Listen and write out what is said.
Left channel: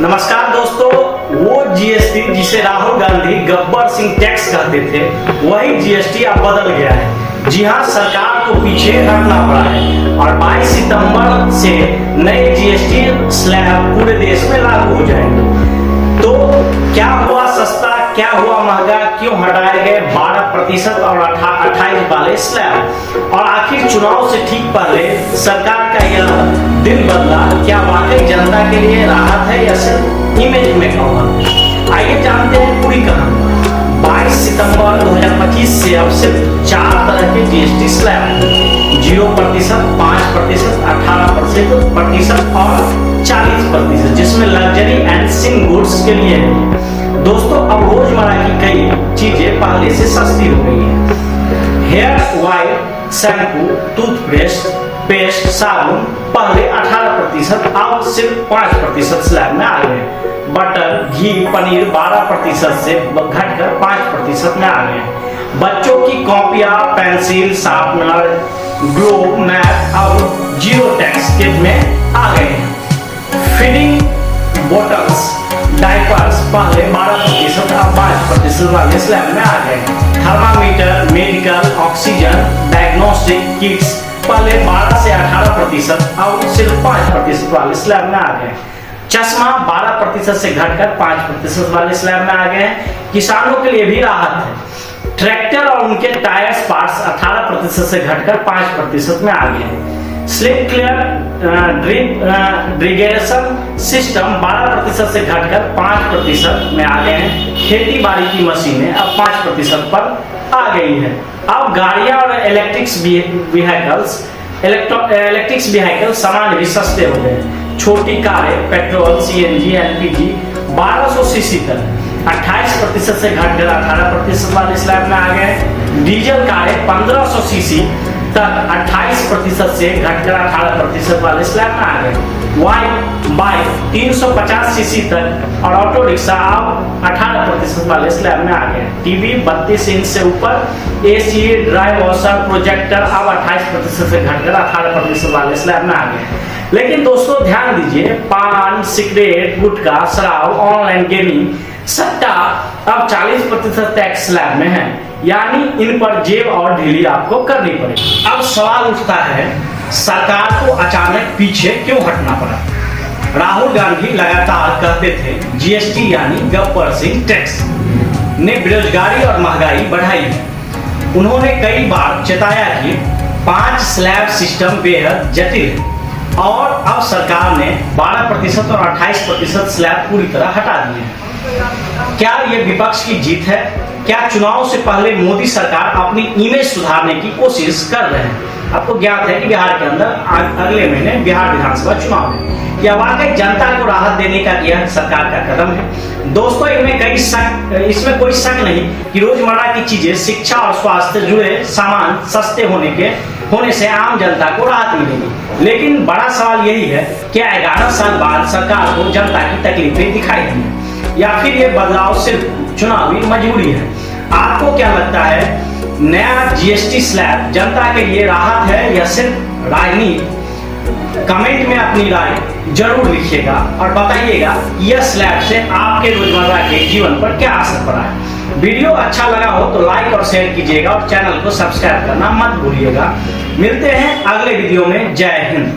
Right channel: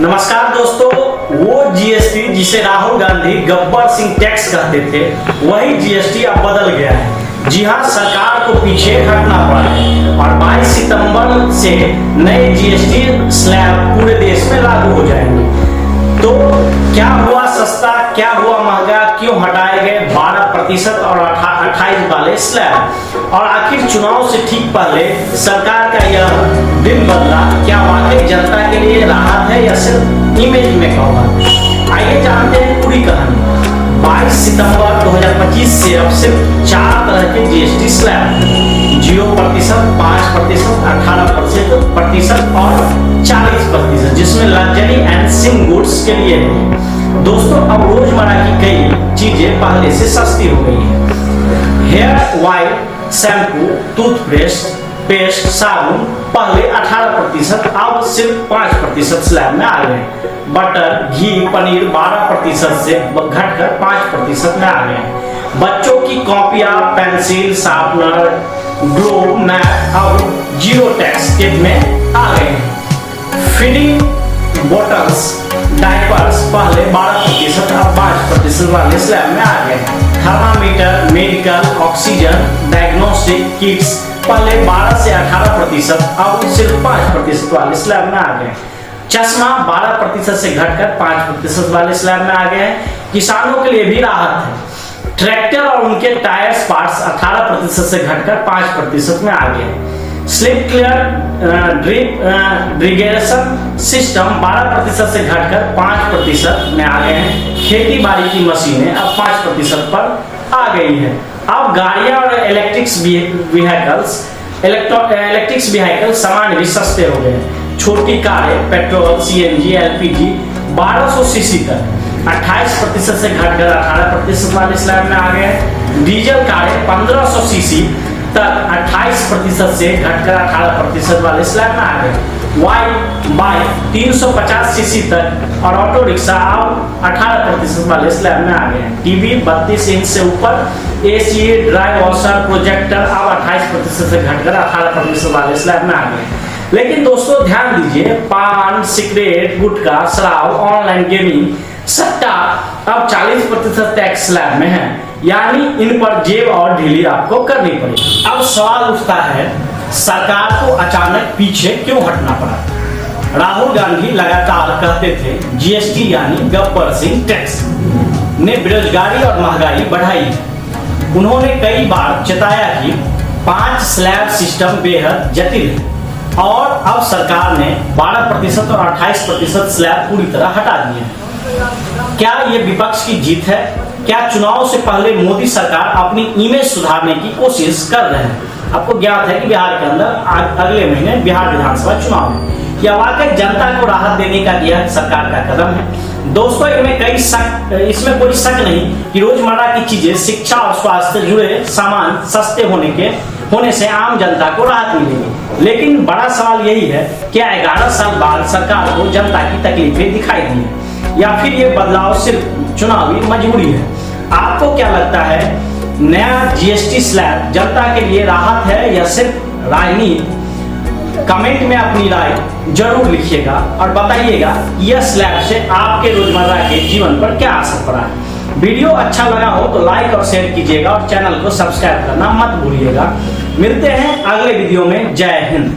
नमस्कार दोस्तों, वो जीएसटी जिसे राहुल गांधी गब्बर सिंह टैक्स कहते थे, वही जीएसटी अब बदल गया है। जी हां, सरकार को पीछे हटना पड़ा है और 22 सितंबर से नए जीएसटी स्लैब पूरे देश में लागू हो जाएंगे। तो क्या हुआ सस्ता, क्या हुआ महंगा, क्यों हटाए गए 12% और 28 वाले स्लैब, और आखिर चुनाव से ठीक पहले सरकार का यह दिल बदला क्या वाकई जनता के लिए राहत है या सिर्फ इमेज में कवर। आइए जानते हैं पूरी कहानी। 22 सितंबर 2025 से अब सिर्फ 4 तरह के जीएसटी स्लैब हैं: 0%, 5%, 18% और 40%, जिसमें लग्जरी एंड सिंग गुड्स के लिए है। दोस्तों, अब रोजमर्रा की कई चीजें पहले से सस्ती हो गई है। हेयर ऑयल, शैम्पू, टूथपेस्ट, साबुन पहले 18%, अब सिर्फ 5% स्लैब में आ गए। बटर, घी, पनीर 12% से घटकर 5% में आ गए। बच्चों की कॉपियां, पेंसिल, शार्पनर, ग्लोब, मैप अब 0 टैक्स में आ गए हैं। फीडिंग बोटल्स, डायपर्स पहले 12%, अब 5% वाले स्लैब में आ गए। Thermometer, medical, oxygen, diagnostic kits पहले 12 से 18%, अब सिर्फ 5% वाले स्लैब में आ गए। चश्मा 12% से घटकर 5% वाले स्लैब में आ गए। किसानों के लिए भी राहत है। ट्रैक्टर और उनके टायर्स पार्ट्स 18% से घटकर 5% में आ गए। स्लिप क्लियर ड्रिगेशन सिस्टम 12% से घटकर 5% में आ गए हैं। खेती बाड़ी की मशीनें अब 5% पर आ गई है। अब गाड़ियां और इलेक्ट्रिक्स व्हीकल सामान भी सस्ते हो गए। छोटी कारें पेट्रोल, सीएनजी, एलपीजी 1200 सीसी तक 28% से घटकर 18% वाले स्लैब में आ गए। डीजल कारें 1500 सीसी तक 28% से घटकर 18% वाले स्लैब में आ गए। बाइक 350 सीसी तक और ऑटो रिक्शा अब 18% वाले स्लैब में आ गए। टीवी 32 इंच से ऊपर, एसी, ड्राई वॉशर, प्रोजेक्टर अब 28% से घटकर 18% वाले स्लैब में आ गए। लेकिन दोस्तों ध्यान दीजिए, पान, सिगरेट, गुटखा, शराब, ऑनलाइन गेमिंग, सट्टा अब 40% टैक्स स्लैब में है, यानी इन पर जेब और ढीली आपको करनी पड़ेगी। अब सवाल उठता है, सरकार को अचानक पीछे क्यों हटना पड़ा। राहुल गांधी लगातार कहते थे जीएसटी यानी गब्बर सिंह टैक्स ने बेरोजगारी और महंगाई बढ़ाई। उन्होंने कई बार चेताया कि 5 स्लैब सिस्टम बेहद जटिल, और अब सरकार ने 12% और 28% स्लैब पूरी तरह हटा दिए। क्या ये विपक्ष की जीत है? क्या चुनाव से पहले मोदी सरकार अपनी इमेज सुधारने की कोशिश कर रहे हैं? आपको ज्ञात है कि बिहार के अंदर अगले महीने बिहार विधानसभा चुनाव है। क्या वाकई जनता को राहत देने का यह सरकार का कदम है? दोस्तों, इसमें कोई शक नहीं कि रोजमर्रा की चीजें, शिक्षा और स्वास्थ्य से जुड़े सामान सस्ते होने से आम जनता को राहत मिलेगी। लेकिन बड़ा सवाल यही है, क्या 11 साल बाद सरकार को जनता की तकलीफें दिखाई दी है, या फिर ये बदलाव सिर्फ चुनावी मजबूरी है? आपको क्या लगता है, नया जीएसटी स्लैब जनता के लिए राहत है या सिर्फ राजनीति? कमेंट में अपनी राय जरूर लिखिएगा और बताइएगा यह स्लैब से आपके रोजमर्रा के जीवन पर क्या असर पड़ा है। वीडियो अच्छा लगा हो तो लाइक और शेयर कीजिएगा और चैनल को सब्सक्राइब करना मत भूलिएगा। मिलते हैं अगले वीडियो में। जय हिंद।